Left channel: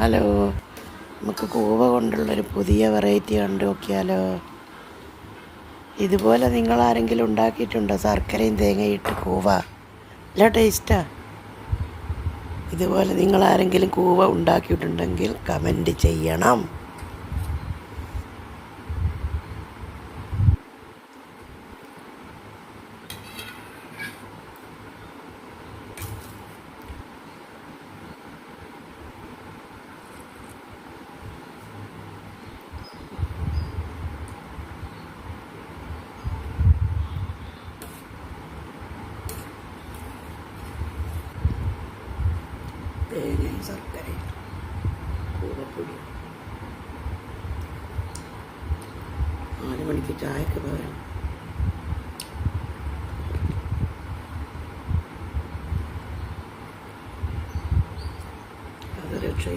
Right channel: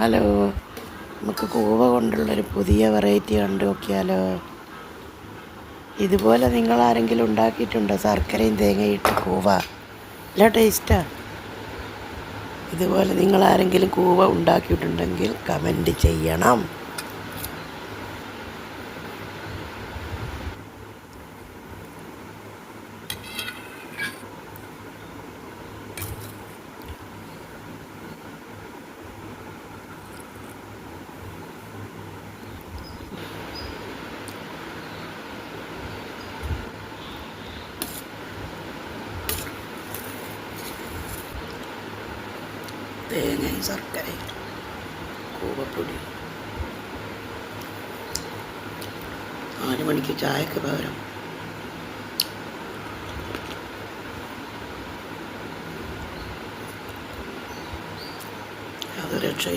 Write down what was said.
Hello, നമുക്ക് കൂവ കൊണ്ടുള്ളൊരു പുതിയ വെറൈറ്റി കണ്ടു നോക്കിയാലോ? ഇതുപോലെ നിങ്ങൾ ആരെങ്കിലും ഉണ്ടാക്കിയിട്ടുണ്ടോ? ശർക്കരയും തേങ്ങയിട്ട് കൂവ നല്ല ടേസ്റ്റാ. ഇതുപോലെ നിങ്ങൾ ആരെങ്കിലും കൂവ ഉണ്ടാക്കിയിട്ടുണ്ടെങ്കിൽ കമൻറ്റ് ചെയ്യണം. തേങ്ങയും ശർക്കരയും കൂവപ്പൊടി 4 മണിക്ക് ചായക്ക് പകരം